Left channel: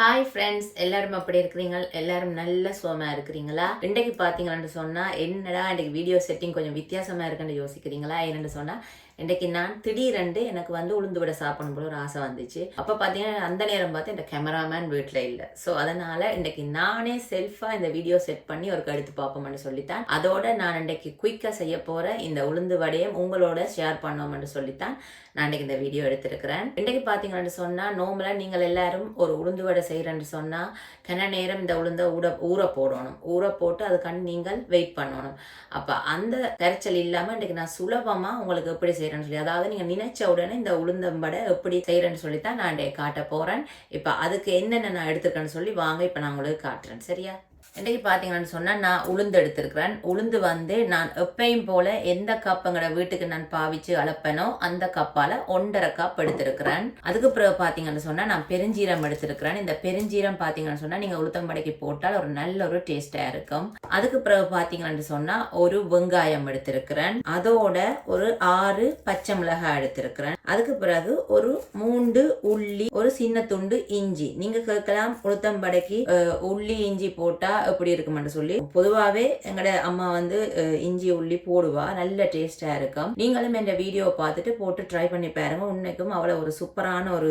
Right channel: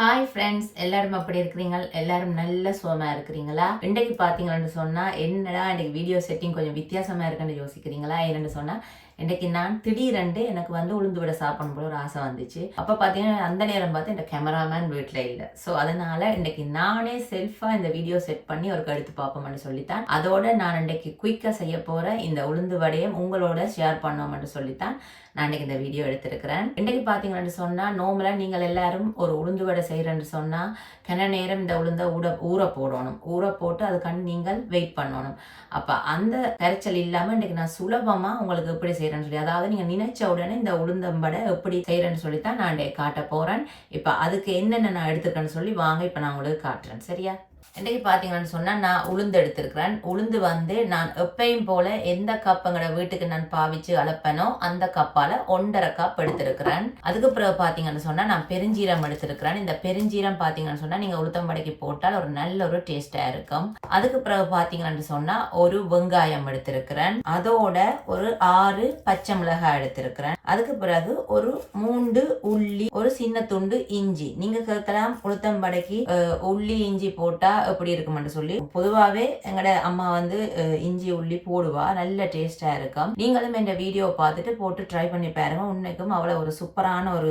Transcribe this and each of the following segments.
Hi friends, எல்லாரும் எப்படி இருக்கிறீங்க? எல்லாரும் நல்ல சுகமா இருக்கிறீங்களா? இன்றைக்கு பார்த்தீங்கன்னு சொன்னா என்னடா இன்றைக்கு வீடியோ செட்டிங் கொஞ்சம் வித்தியாசமா இருக்குன்னு யோசிக்கிறீங்களா? என்னன்னு சொன்னா இன்றைக்கு நான் திடீரென்று எனக்கு உளுந்து விட சாப்பிடணும் போல ஒரு ஆசை வந்துச்சு. அப்போ பார்த்தீங்கன்னா அந்த நேரம் பார்த்து இந்த கேமராமேன் வீட்டில் இல்லை. ஸோ அதனால இன்றைக்கு நானே செல்ஃபாக இந்த வீடியோ செட் பண்ணி ஒரு எடுத்து பார்ப்போம்னு சொல்லித்தான். அதோட நான் இன்றைக்கு குயிக்காக செய்ய போகிற இந்த உளுந்து வடையும் உங்களோட ஷேர் பண்ணோம்னு சொல்லித்தான் நான் இன்றைக்கி இந்த வீடியோ எடுத்திருக்கிறேன். இன்றைக்கு பார்த்தீங்கன்னு சொன்னால் நோம்பலாக நீங்கள் எல்லாரும் ஒரு உளுந்து வடை செய்கிறேன்னு சொன்னால் கன நேரம் இந்த உளுந்தை ஊற போடணும். ஊற போட்டு அதுக்காண்டி நீங்கள் வெயிட் பண்ணணும். அப்போ அந்த கரைச்சல் இல்லாமல் இன்றைக்கி நான் சுலபமாக உங்களுக்கு எப்படி செய்கிறேன்னு சொல்லி, அதாவது நீங்கள் நினைச்ச உடனே இந்த உளுந்தம்படை எப்படி செய்கிறேன்னு சொல்லி தான் நான் இன்றைக்கு காட்ட போகிறேன். இப்போ அதுக்கு என்னென்ன நான் எடுத்துருக்கேன்னு சொல்லி வாங்க இப்போ நான் உங்களுக்கு காட்டுறேன். சரியா? இன்றைக்கு பார்த்தீங்கன்னு சொன்னால் நான் உளுந்து எடுத்திருக்கிறேன். உளுந்து நான் எப்பயும் போல எந்த கப்புங்கிற வீட்டுக்கு நான் பாவிச்சு அளப்பனோ அந்த கப்பால் 1.5 கப் எடுத்திருக்கிறேன். அதுக்கு பிறகு பார்த்தீங்கன்னு சொன்னால் நான் பெருஞ்சீரம் எடுத்திருக்கிறேன். இந்த பெருஞ்சீரம் பார்த்தீங்கன்னு சொன்னால் நீங்கள் உளுத்தம்படைக்கு போட்டால் ஒரு நல்ல ஒரு டேஸ்டாக இருக்கும். அதுக்கு பிறகு பார்த்தீங்கன்னு சொன்னால் ஒரு வெங்காயம் எடுத்திருக்கிறேன். அதோட ஒரு 6 பச்சை மிளகாய் எடுத்திருக்கிறேன். அதுக்கு பிறகு ஒரு 3 உள்ளி, ஒரு சின்ன துண்டு இஞ்சி. நீங்கள் கேட்கலாம் உளுத்தம்படைக்கு உள்ளி இஞ்சி போட்டால் எப்படி இருக்குமென்று சொல்லி. பொதுவாகவே எங்கட அம்மா இஞ்சி உள்ளி போடுவா, நல்ல டேஸ்டா இருக்கும். நீங்களும் இந்த வீடியோவை பார்த்துட்டு போட்டு ட்ரை பண்ணி பாருங்க. உன்னைக்கும் அவ்வளவு ஒரு சூப்பரான ஒரு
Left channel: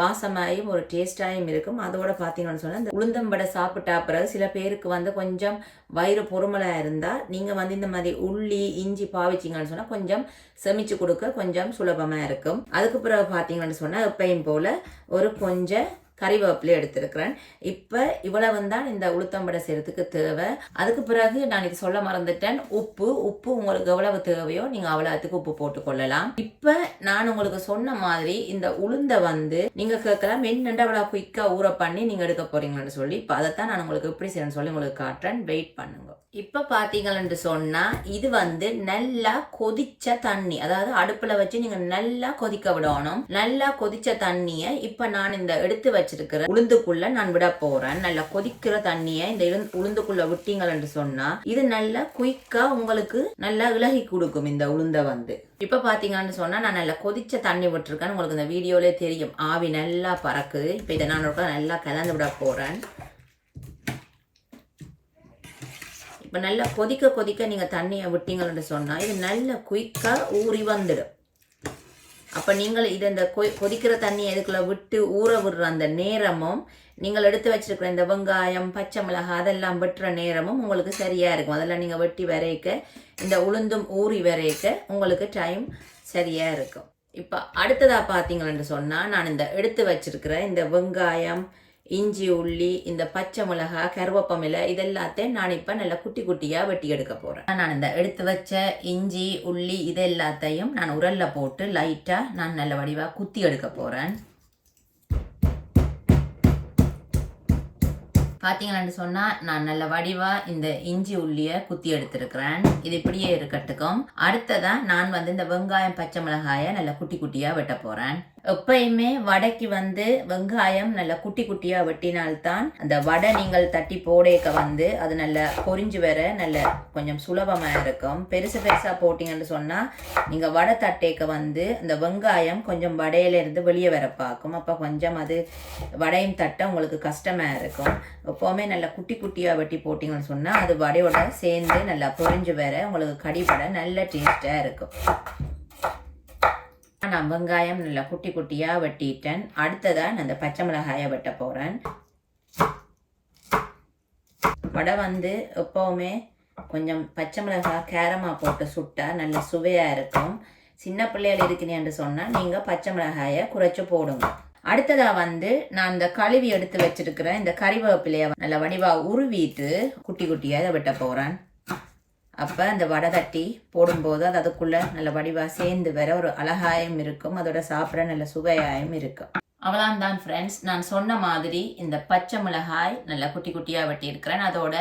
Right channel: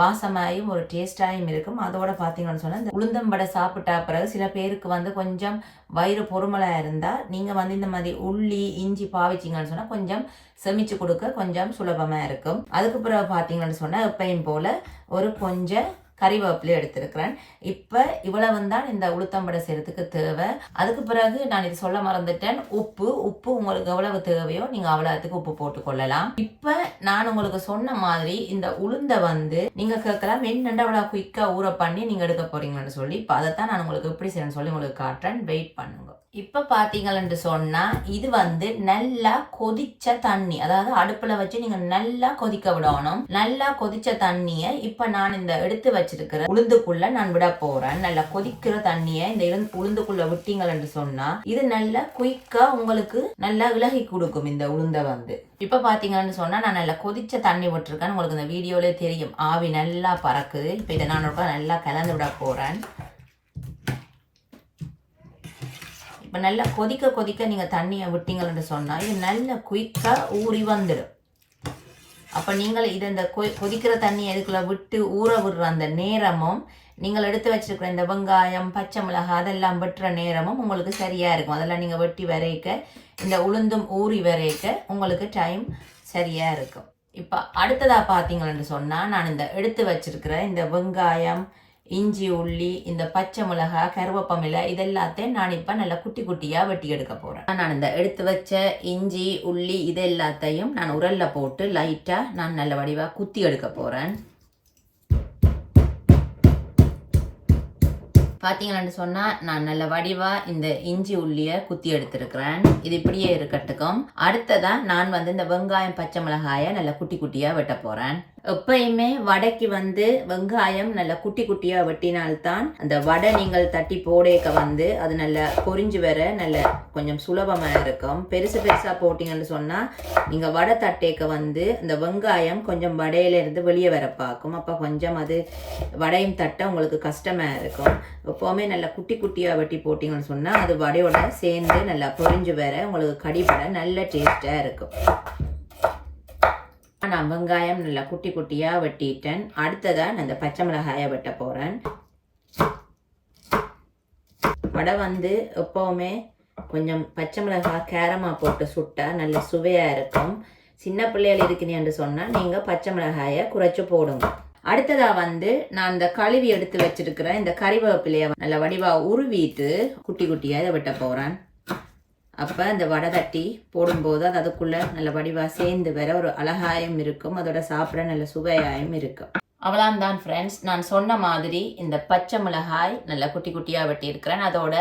வாசமாயும் ஒரு டேஸ்டாயும் இருக்கும். அதோட பார்த்தீங்கன்னு சொன்னால் இந்த உளுந்தம்படை சாப்பிட்டா பிறகு சில பேருக்கு கொஞ்சம் வயிறு பொறுமலா இருந்தா நீங்க இந்த மாதிரி உள்ளி இஞ்சி பாவிச்சிங்கன்னு சொன்னா கொஞ்சம் செமிச்சு கொடுக்க கொஞ்சம் சுலபமா இருக்கும். அதுக்கு பிறகு பார்த்தீங்கன்னு சொன்னா எப்பயும் போல ஒரு கொஞ்சம் கறிவேப்பிலை எடுத்திருக்கிறேன். இப்போ இவ்வளவு தான் இந்த உளுத்தம்படை செய்யறதுக்கு தேவை. அதுக்கு பிறகு நான் இது சொல்ல மறந்துட்டேன், உப்பு உங்களுக்கு எவ்வளவு தேவையோ நீங்க அவ்வளவுக்கு உப்பு போட்டு கொள்ளலாம். இப்ப நான் உங்களுக்கு சொன்ன மாதிரி இந்த உளுந்தை நீங்க கேட்கலாம் என்னென்ன அவ்வளவு குயிக்கா ஊற பண்ணி நீங்க எடுக்க போறீங்கன்னு சொல்லி. இப்ப அதைத்தான் நான் உங்களுக்கு எப்படி செய்யணும்னு சொல்லி உங்களுக்கு காட்டுறேன். வெயிட் பண்ணுங்க. இப்ப பாத்தீங்கன்னு சொன்னா இது நல்லா கொதிச்ச தண்ணி, அதாவது அடுப்புல வச்சு நீங்க நல்லா கொதிக்க விடணும். நல்லா கொதிச்ச தண்ணிய இப்ப நான் இந்த எடுத்து வச்சிருக்கிற உளுந்துக்குள்ள நான் விட போறேன். நல்லா கொதிக்கிற தண்ணிய இந்த உளுந்துக்குள்ள விட்டீங்கன்னு சொன்னா இது நல்லா குயிக்கா உங்களுக்கு நல்லா இலகி கொடுக்கும் இந்த உளுந்தை. இப்ப பாத்தீங்கன்னு சொன்னா நான் நல்லா கொதிச்ச தண்ணி விட்டுருக்கேன். உங்களுக்கு இந்த வீடியோல தெரியும், ஆவி நல்லா பறக்குது. இப்ப இதை நான் நல்லா கலந்து விட போறேன். இப்போ நல்லா கொதிக்க நீங்கள் தண்ணியை விட்டீங்கன்னு சொன்னால் இது நல்ல குயிக்காக ஊறி வந்துடும். அப்போ நீங்கள் இதை இந்த கொதிக்கிற தண்ணியை இதுக்குள்ள விட்டு ஊற விடுற அந்த நேரமும் நீங்கள் எடுத்து வச்சிருக்கிற இந்த வெங்காயம் பச்சை மிளகாய் அதெல்லாம் வெட்டுற நேரமும் உங்களுக்கு சரியாக இருக்கும். அதெல்லாம் நீங்கள் வெட்டி வரைக்க இந்த உளுந்தும் ஊறி வரைக்க உங்களுக்கு டைம் சரியாக இருக்கும். இப்போ அடுத்ததாக பார்த்தீங்கன்னு சொன்னால் நான் இந்த எடுத்து வச்சிருக்கிற இந்த வெங்காயம் இஞ்சி உள்ளி இந்த பச்சை மிளகாய் கருவேப்பமிலை இதெல்லாத்தையும் நான் இப்போ நல்லா குட்டி குட்டியாக வெட்டி எடுக்க போகிறேன். நான் இந்த எடுத்து வச்ச இஞ்சி உள்ளி இது எல்லாத்தையும் நான் உரல்ல போட்டு லைட்டாக நான் நல்ல வடிவாக குத்தி எடுக்க போகிறேன். பார்த்தீங்கன்னு சொன்னால் நான் நல்ல வடிவாக இந்த இஞ்சி உள்ளியை குத்தி எடுத்திருக்கிறேன். இது இப்படியே இருக்கட்டுக்கும். அடுத்ததான் நான் இந்த வெங்காயம் பச்சை மிளகாயை நல்லா குட்டி குட்டியாக வெட்ட போகிறேன். எப்பயுமே வடைக்கு வெங்காயம் நல்லா குட்டி குட்டியாக வெட்டினால்தான் அந்த வடை நீங்கள் தட்டி போடேக்க அது நல்லா பொரிஞ்சு வர நல்ல கொஞ்சம் சுலபமாக இருக்கும். பெருசாக போட்டிங்கன்னு சொன்னால் நீங்கள் வடை தட்டேக்க அந்த வெங்காயம் கொஞ்சம் வடையிலிருந்து வெளியே வர பார்க்கும். அப்போ கொஞ்சம் அது வடையும் தட்ட உங்களுக்கு கஷ்டமாக இருக்கும். எப்போவுமே நல்லா குட்டி குட்டியாக வெட்டி போட்டிங்கன்னு சொன்னால் அது வடையோட சேர்ந்து நல்லா பொரிஞ்சு வர உங்களுக்கு கடிபட நல்ல டேஸ்டாக இருக்கும். நான் வெங்காயம் நல்லா குட்டி குட்டியாக வெட்டிட்டேன். அடுத்ததாக நான் அந்த பச்சை மிளகாயை வெட்ட போகிறேன். வடை எப்போவுமே கொஞ்சம் பச்சை மிளகாய் கேரமாக போட்டு சுட்டா நல்ல சுவையாக இருக்கும். சின்ன பிள்ளைகள் இருக்குன்னு சொன்னால் நீங்கள் பச்சை மிளகாயை குறைச்சி போடுங்க. அடுத்ததா நான் இந்த கழுவி எடுத்து வச்சிருக்கிறேன் இந்த கறிவேப்பிலையை நல்ல வடிவா உருவிட்டு குட்டி குட்டியா இதை வெட்ட போறேன். அப்ப இந்த வடை தட்டி போடும்போது அது அதுக்குள்ள நல்ல வடிவா சேர்ந்து வர ஒரு அழகாயும் இருக்கும். அதோட சாப்பிட நல்ல சுவையாயும் இருக்கும். அவ்வளவுதான் ஃப்ரெண்ட்ஸ், நான் சொன்ன மாதிரி இந்த பச்சை மிளகாய் நல்ல குட்டி குட்டியா வெட்டி இருக்கிறேன். அதோட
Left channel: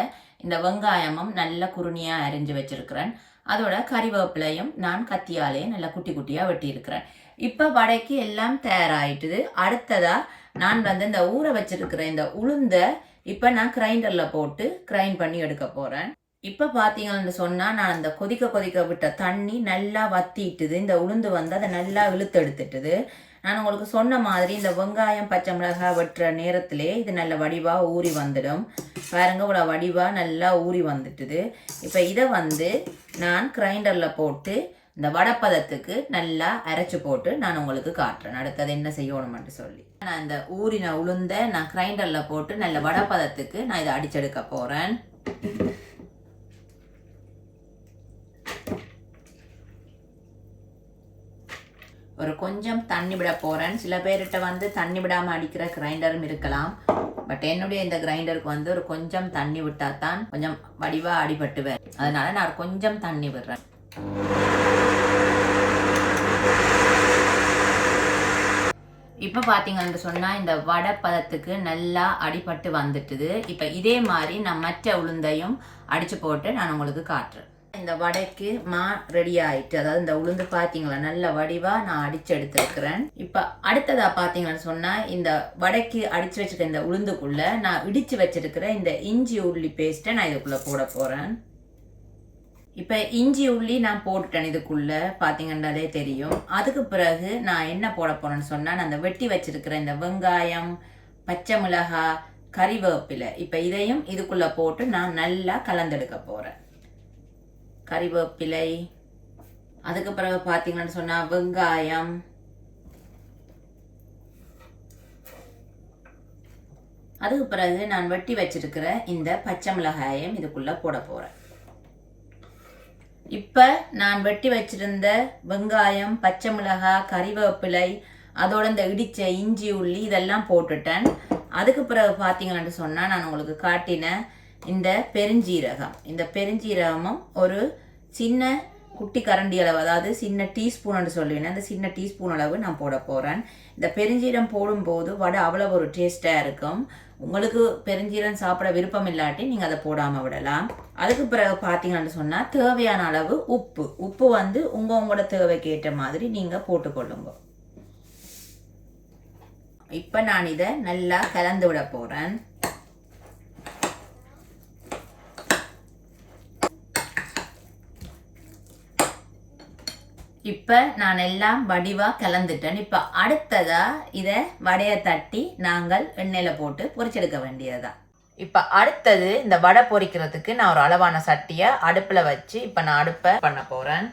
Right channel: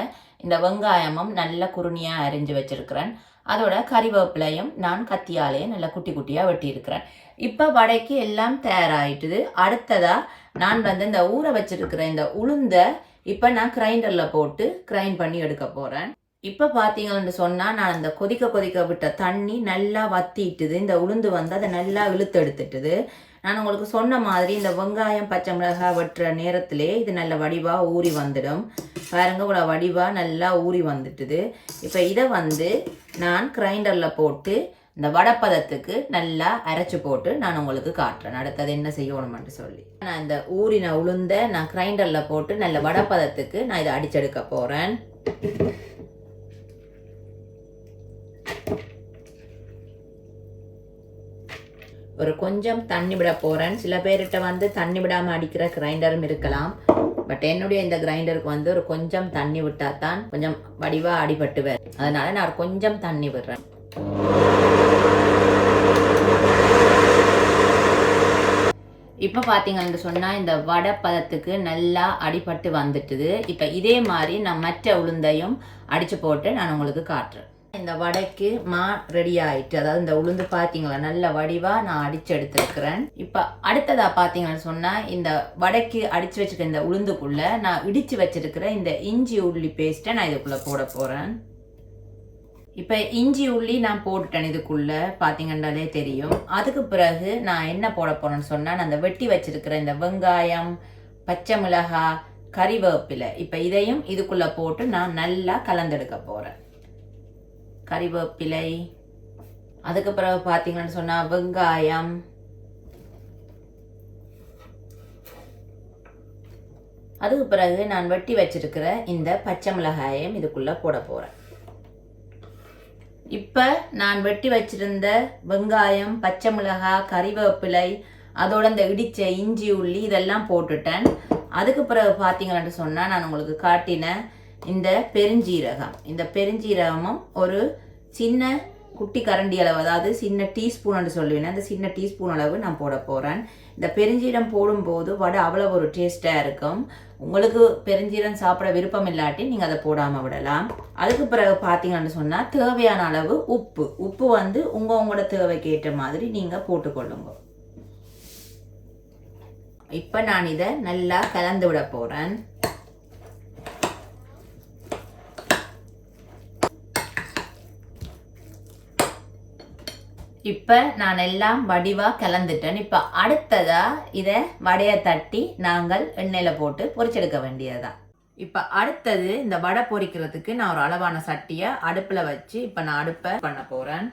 இந்த வெங்காயமும் நல்ல குருணியா அரிஞ்சு வச்சிருக்கிறேன். அதோட கறிவேப்பிலையும் நான் கத்தியாலே நல்ல குட்டி குட்டியா வெட்டி இருக்கிறேன். இப்போ வடைக்கு எல்லாம் தயாராகிட்டுது. அடுத்ததா நான் இந்த ஊற வச்சிருக்கிற இந்த உளுந்தை இப்போ நான் கிரைண்டர்ல போட்டு கிரைண்ட் பண்ணி எடுக்க போறேன். இப்போ பார்த்தீங்கன்னு சொன்னால் நான் அந்த கொதிக்க கொதிக்க விட்ட தண்ணி நல்லா வத்திட்டுது. இந்த உளுந்து வந்து அதை நல்லா இழுத்து எடுத்துட்டுது. நான் உங்களுக்கு சொன்ன மாதிரி இந்த வெங்காயம் பச்சை மிளகாய் வெட்டுற நேரத்திலே இது நல்ல வடிவாக ஊறி வந்துடும். பாருங்க இவ்வளோ வடிவாக நல்லா ஊறி வந்துட்டுது. இப்போ இதை வந்து நான் கிரைண்டரில் போட்டு இந்த வடப்பதத்துக்கு நல்லா அரைச்சி போட்டு நான் உங்களுக்கு காட்டுறேன் அடுத்தது என்ன செய்யணும்னு சொல்லி. நான் இந்த ஊறின உளுந்த நான் கிரைண்டரில் போட்டு நல்ல வடப்பதத்துக்கு நான் இதை அடிச்செடுக்க போகிறேன். ஒரு கொஞ்சம் தண்ணி விட போகிறேன். சில பேர்கிட்ட வந்து தண்ணி விடாமல் அடிக்கிற கிரைண்டரும் இருக்கலாம். பட் என்னுடைய இந்த கிரைண்டருக்கு வந்து ஒரு கொஞ்சம் தண்ணி விட்டால் தான் கொஞ்சம் வடிவாக அடிபட்டு வரும். அதனால் நான் கொஞ்சம் தண்ணி விடுறேன். இப்போ பார்த்தீங்கன்னு சொன்னால் இந்த வடை பதத்துக்கு நல்லா அடிபட்டு வந்துட்டுது. இப்போ இதே மாதிரி நான் மற்ற உளுந்தையும் அடித்து போட்டு நான் உங்களுக்கு காட்டுறேன். இந்த வடைக்கு மா ரெடி ஆயிட்டு, அதாவது இந்த உளுந்து பார்த்தீங்களா நல்ல வடிவா நான் அடிச்சு எடுத்துருக்கிறேன். இப்போ அடுத்ததா பார்த்தீங்கன்னு சொன்னா இந்த வடைக்கு அடிச்சு வச்சிருக்க இந்த உளுந்துக்குள்ள நான் இடிச்சு வச்சிருக்கிற இந்த இஞ்சி உள்ளி பேஸ்ட்டை நான் இதுக்குள்ள போட போறேன். இப்போ இஞ்சி உள்ளி நான் போட்டுட்டேன் இதுக்குள்ள பார்த்தீங்கன்னாலே தெரியும். அதுக்கு பிறகு நான் என்ன போட போறேன்னு சொன்னா நான் அந்த வெட்டி வச்சிருக்கிற இந்த வெங்காயம், பச்சை மிளகாய், கறிவேப்பிலை இப்போ இதையும் இதுக்குள்ள போட்டு நான் நல்லா கலந்தெடுக்க போறேன். கறிவேப்பிலை, அதுக்கு பிறகு பார்த்தீங்கன்னு சொன்னால் வெங்காயம், அதுக்கு பிறகு நான் வெட்டி வச்சிருக்கிற இந்த பச்சை மிளகாயம் இதுக்குள்ள போட போறேன். இப்போ நான் வெட்டி வச்சிருந்த வெங்காயம், பச்சை மிளகாய், கறிவேப்பிலை, அதோட இந்த இடிச்ச இஞ்சி உள்ளி இதெல்லாம் போட்டுட்டேன். அதுக்கு பிறகு பார்த்தீங்கன்னு சொன்னால் நான் உங்களுக்கு காட்டின இந்த பெருஞ்சீரகம், இந்த பெருஞ்சீரகமும் ஒரு சின்ன குட்டி கரண்டி அளவு, அதாவது சின்ன டீஸ்பூன் சொல்லுவேன், அந்த சின்ன டீஸ்பூன் அளவு நான் போட போகிறேன். இந்த பெருஞ்சீரம் போடும்போது வடை அவ்வளோ ஒரு டேஸ்ட்டாக இருக்கும். உங்களுக்கு பெருஞ்சீரம் சாப்பிட விருப்பம் இல்லாட்டி நீங்கள் அதை போடாமல் விடலாம். அதுக்கு பிறகு பார்த்தீங்கன்னு சொன்னால் தேவையான அளவு உப்பு வந்து உங்களோட தேவைக்கு ஏற்ற மாதிரி நீங்கள் போட்டுக்கொள்ளுங்க. இப்போ நான் இதை நல்லா கலந்து விட போகிறேன். இப்போ நான் எல்லாம் வடிவாக கலந்துட்டேன். இப்போ அடுத்ததா இதை வடையை தட்டி நாங்கள் எண்ணெயில் போட்டு பொரிச்செடுக்க வேண்டியதுதான். இப்போ அடுத்தது இந்த வடை பொரிக்கிறதுக்கு நான் ஒரு அளவான சட்டியை அடுப்பில் வச்சு இப்போ நான் அடுப்பை பண்ண போகிறேன்.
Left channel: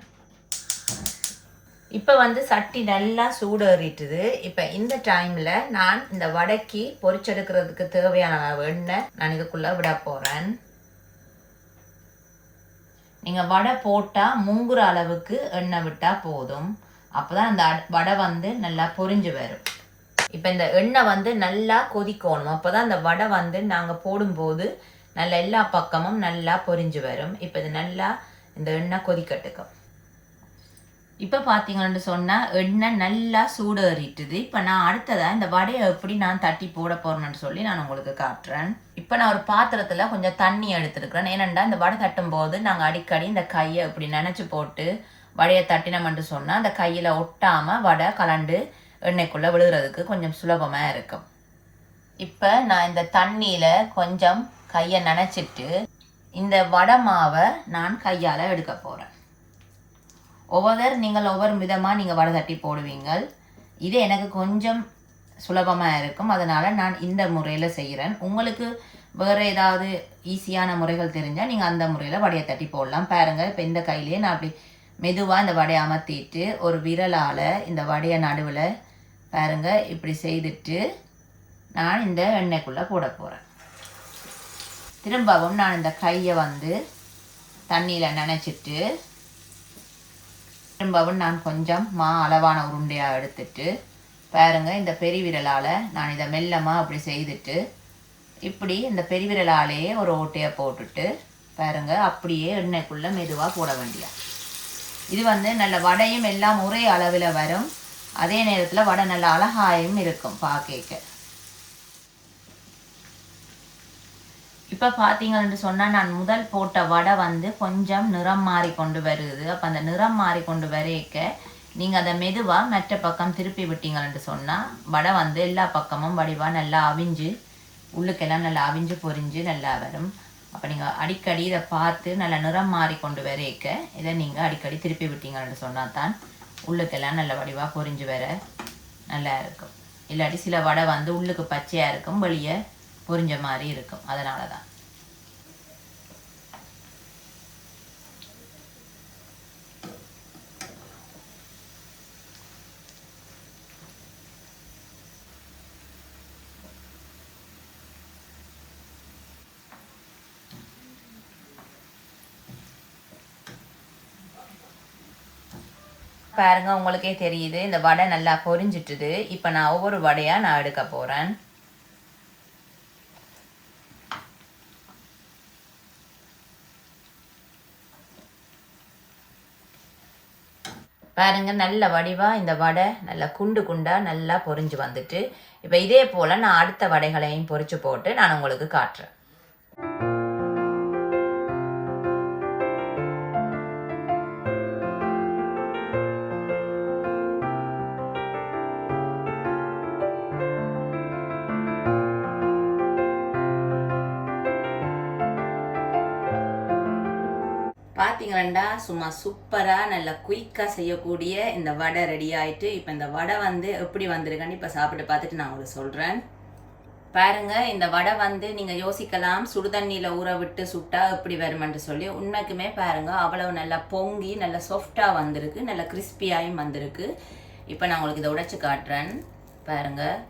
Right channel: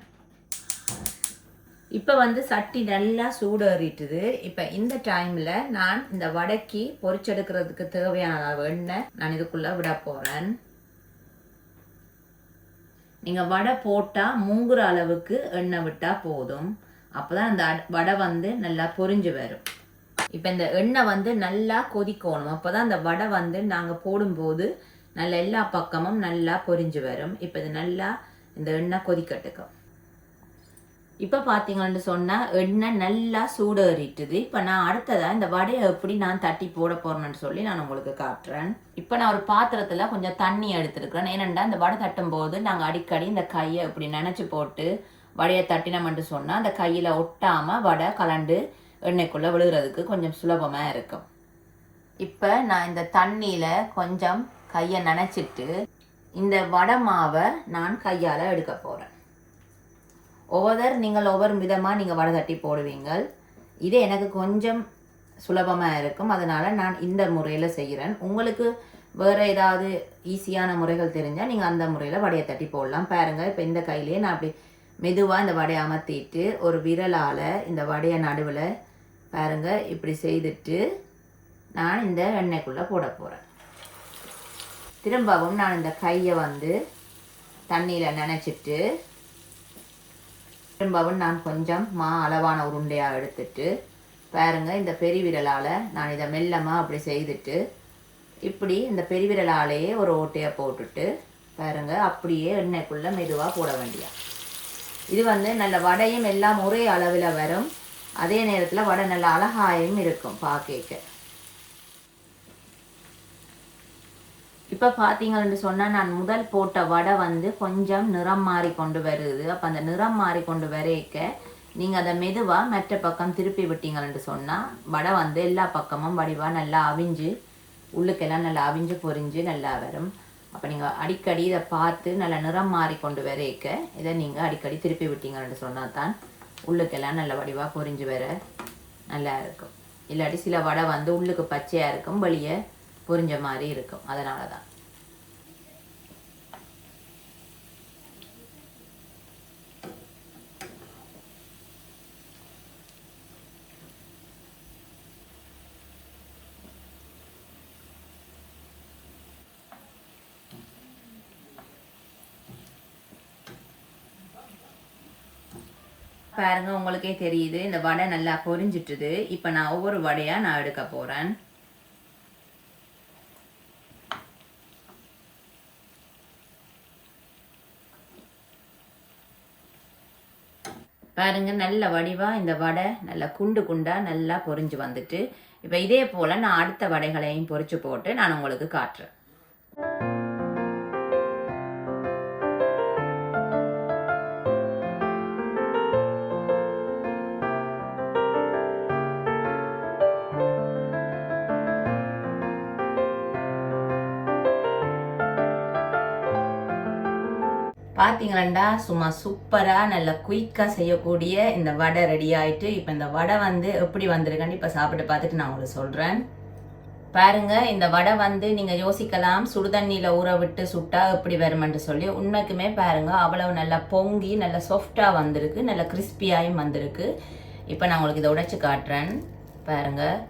இப்போ வந்து சட்டி நல்லா சூடேறிட்டுது. இப்போ இந்த டைமில் நான் இந்த வடைக்கு பொரிச்செடுக்கிறதுக்கு தேவையான அளவு எண்ணெய் நான் இதுக்குள்ளே விட போகிறேன். நீங்கள் வடை போட்டால் மூங்குற அளவுக்கு எண்ணெய் விட்டால் போதும். அப்போ தான் அந்த வடை வந்து நல்லா பொரிஞ்சு வரும். இப்போ இந்த எண்ணெய் வந்து நல்லா கொதிக்கணும். அப்போ தான் அந்த வடை வந்து நாங்கள் போடும்போது நல்லா எல்லா பக்கமும் நல்லா பொரிஞ்சு வரும். இப்போ இது நல்லா இந்த எண்ணெய் கொதிக்கட்டுக்கும். இப்போ பார்த்தீங்கன்னு சொன்னால் எண்ணெய் நல்லா சூடேறிட்டுது. இப்போ நான் அடுத்ததாக இந்த வடையை எப்படி நான் தட்டி போட போகிறேன்னு சொல்லி நான் உங்களுக்கு காட்டுறேன். இப்போ நான் ஒரு பாத்திரத்தில் கொஞ்சம் தண்ணி எடுத்துருக்கிறேன். ஏனெண்டா இந்த வடை தட்டும் போது நாங்கள் அடிக்கடி இந்த கையை இப்படி நினச்சி போட்டு வடையை தட்டினோம்னு சொன்னால் அந்த கையில் ஒட்டாமல் வடை கலண்டு எண்ணெய்க்குள்ளே விழுகிறதுக்கு கொஞ்சம் சுலபமாக இருக்கும். இப்போ நான் இந்த தண்ணியில் கொஞ்சம் கையை நனைச்சிட்டு இந்த வடை மாவை நான் கையால் எடுக்க போகிறேன். நீங்கள் ஒவ்வொரு விதமாக நீங்கள் வடை தட்டி போடுவீங்க. இது எனக்கு கொஞ்சம் சுலபமாக இருக்கும், அதனால் நான் இந்த முறையில் செய்கிறேன். உங்களுக்கு வேறு ஏதாவது ஈஸியான முறைகள் தெரிஞ்சால் நீங்கள் அந்த முறையில் வடையை தட்டி போடலாம். பாருங்கள், இப்போ இந்த கையிலேயே நான் அப்படி மெதுவாக இந்த வடையை அமர்த்திட்டு ஒரு விரலால் இந்த வடையை நடுவில் பாருங்கள் இப்படி செய்துட்டு நான் இந்த எண்ணெய்க்குள்ளே போட போகிறேன். திரும்பவும் நான் இந்த கையை வந்து தண்ணியில் நனைச்சிட்டு திரும்பவும் நான் கொஞ்சம் அளவான உருண்டையாக எடுத்துட்டு பாருங்கள் இந்த பெருவிரலால் நான் இதை மெல்லமாக அப்படி செய்துட்டு இப்படி இந்த பெருவிரலாலேயே ஒரு ஓட்டையை போட்டுட்டு பாருங்கள் அப்படியே எண்ணெய்க்குள்ளே மெதுவாக போட வேண்டிய. இது வந்து நல்ல வடையும் எல்லாம் ஒரே அளவில் வரும். அதே நேரத்தில் வடை நல்ல அழகாயும் இருக்கும் பார்க்க. இப்போ பார்த்தீங்கன்னு சொன்னால் நான் முதல் போட்ட வடை வந்து கொஞ்சம் நிறம் மாறி கொண்டு வருது. அப்போ அந்த நிறம் மாறி கொண்டு வரைக்க நீங்கள் அதை மெதுவாக மற்ற பக்கம் திருப்பி விட்டீங்கன்னு சொன்னால் வடை வந்து எல்லா பக்கமும் வடிவாக நல்லா அவிஞ்சு உள்ளுக்கெல்லாம் நல்லா அவிஞ்சு பொரிஞ்சு நல்லா வரும். அப்போ நீங்கள் அடிக்கடி இதை பார்த்து நல்லா நிறம் மாறி கொண்டு வரைக்க இதை நீங்கள் அடிக்கடி திருப்பி விட்டீங்கன்னு சொன்னால் தான் உள்ளுக்கெல்லாம் நல்ல வடிவாக பொரிஞ்சு வர நல்லா இருக்கும். இல்லாட்டி சில வடை வந்து உள்ளுக்கு பச்சையாக இருக்கும், வெளியே பொரிஞ்ச மாதிரி இருக்கும். அதனால தான் பாருங்க, உங்களுக்கே தெரியுது இந்த வடை நல்லா பொரிஞ்சிட்டுது. இப்போ நான் ஒவ்வொரு வடையாக நான் எடுக்க போகிறேன். பாருங்க, நல்ல வடிவாக இந்த வடை நல்லா குண்டு குண்டாக நல்லா பொரிஞ்சு வந்துட்டு, இப்போ இதே போல் நான் அடுத்த வடைகளையும் பொரிச்சு போட்டு நான் உங்களுக்கு காட்டுறேன். பார்த்தீங்களா, சும்மா சூப்பராக நல்ல குயிக்காக செய்யக்கூடிய இந்த வடை ரெடி ஆகிட்டு. இப்போ இந்த வடை வந்து எப்படி வந்திருக்குன்னு இப்போ சாப்பிட்டு பார்த்துட்டு நான் உங்களுக்கு சொல்கிறேன். பாருங்கள், இந்த வடை வந்து நீங்கள் யோசிக்கலாம் சுடுதண்ணியில் ஊற விட்டு சுட்டா எப்படி வருமென்று சொல்லி. உண்மைக்குமே பாருங்கள், அவ்வளவு நல்லா பொங்கி நல்லா சாஃப்டாக வந்திருக்கு, நல்லா கிறிஸ்பியாகவும் வந்திருக்கு. இப்போ நான் உங்களுக்கு இதை உடைச்சு காட்டுறேன். பாருங்கள்,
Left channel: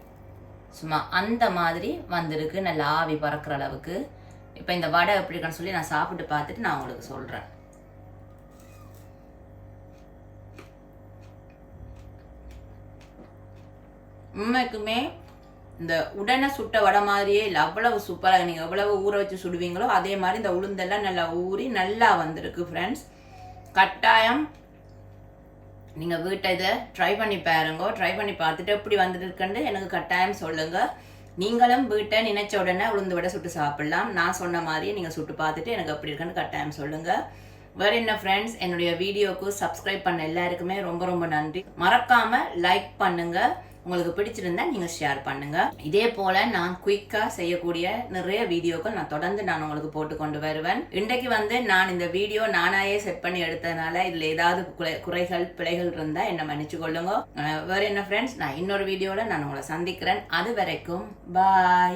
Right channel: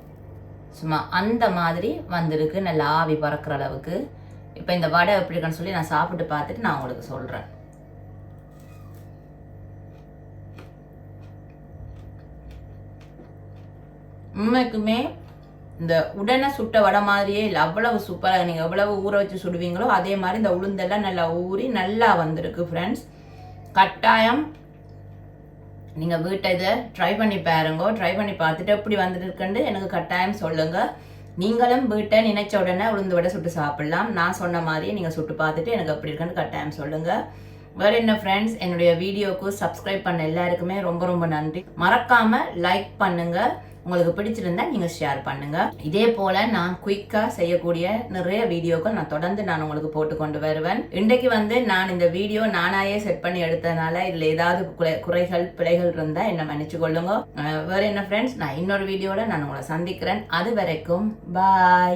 சும்மா அந்த மாதிரி வந்திருக்கு, நல்லா ஆவி பறக்கிற அளவுக்கு. இப்போ இந்த வடை எப்படி இருக்குன்னு சொல்லி நான் சாப்பிட்டு பார்த்துட்டு நான் உங்களுக்கு சொல்கிறேன். உண்மைக்குமே இந்த உடனே சுட்ட வடை மாதிரியே இல்லை, அவ்வளவு சூப்பராக. நீங்கள் எவ்வளவு ஊற வச்சு சுடுவீங்களோ அதே மாதிரி இந்த உளுந்தெல்லாம் நல்லா ஊறி நல்லா வந்திருக்கு. ஃப்ரெண்ட்ஸ், கட்டாயம் நீங்கள் வீட்டை இதை ட்ரை பண்ணி பாருங்க. ட்ரை பண்ணி பார்த்துட்டு எப்படி வந்துருக்குன்னு எனக்கு கட்டாயம் சொல்லுங்கள். நீங்களும் வீட்டை நினைச்ச உடனே உளுந்து வடை சுட்டு சாப்பிடலாம். நான் சொன்ன மாதிரியே நீங்கள் சுட்டு பார்த்துட்டு எனக்கு எப்படி இருக்குன்னு கட்டாயம் சொல்லுங்கள். வேறு என்ன ஃப்ரெண்ட்ஸ், என்னுடைய வீடியோவுக்கு சப்ஸ்கிரைப் பண்ண எல்லாருக்குமே ரொம்ப ரொம்ப நன்றி. மறக்காமல் லைக் பண்ணுங்கள். உங்களுக்கு பிடிச்சிருந்தா நீங்கள் ஷேர் பண்ணுங்கள். இதே போல் நான் குயிக்காக செய்யக்கூடிய நிறைய வீடியோக்கள் நான் தொடர்ந்து நான் உங்களுக்கு போட்டு கொண்டு வருவேன். இன்றைக்கு வந்து நான் இந்த வீடியோ நானாயே செட் பண்ணி எடுத்ததுனால இதில் ஏதாவது குறைகள் பிழைகள் இருந்தால் என்னை மன்னிச்சு கொள்ளுங்க. வேறு என்ன ஃப்ரெண்ட்ஸ், நான் இன்னொரு வீடியோவில் நான் உங்களை சந்திக்கிறேன். அது வரைக்கும் பாய்.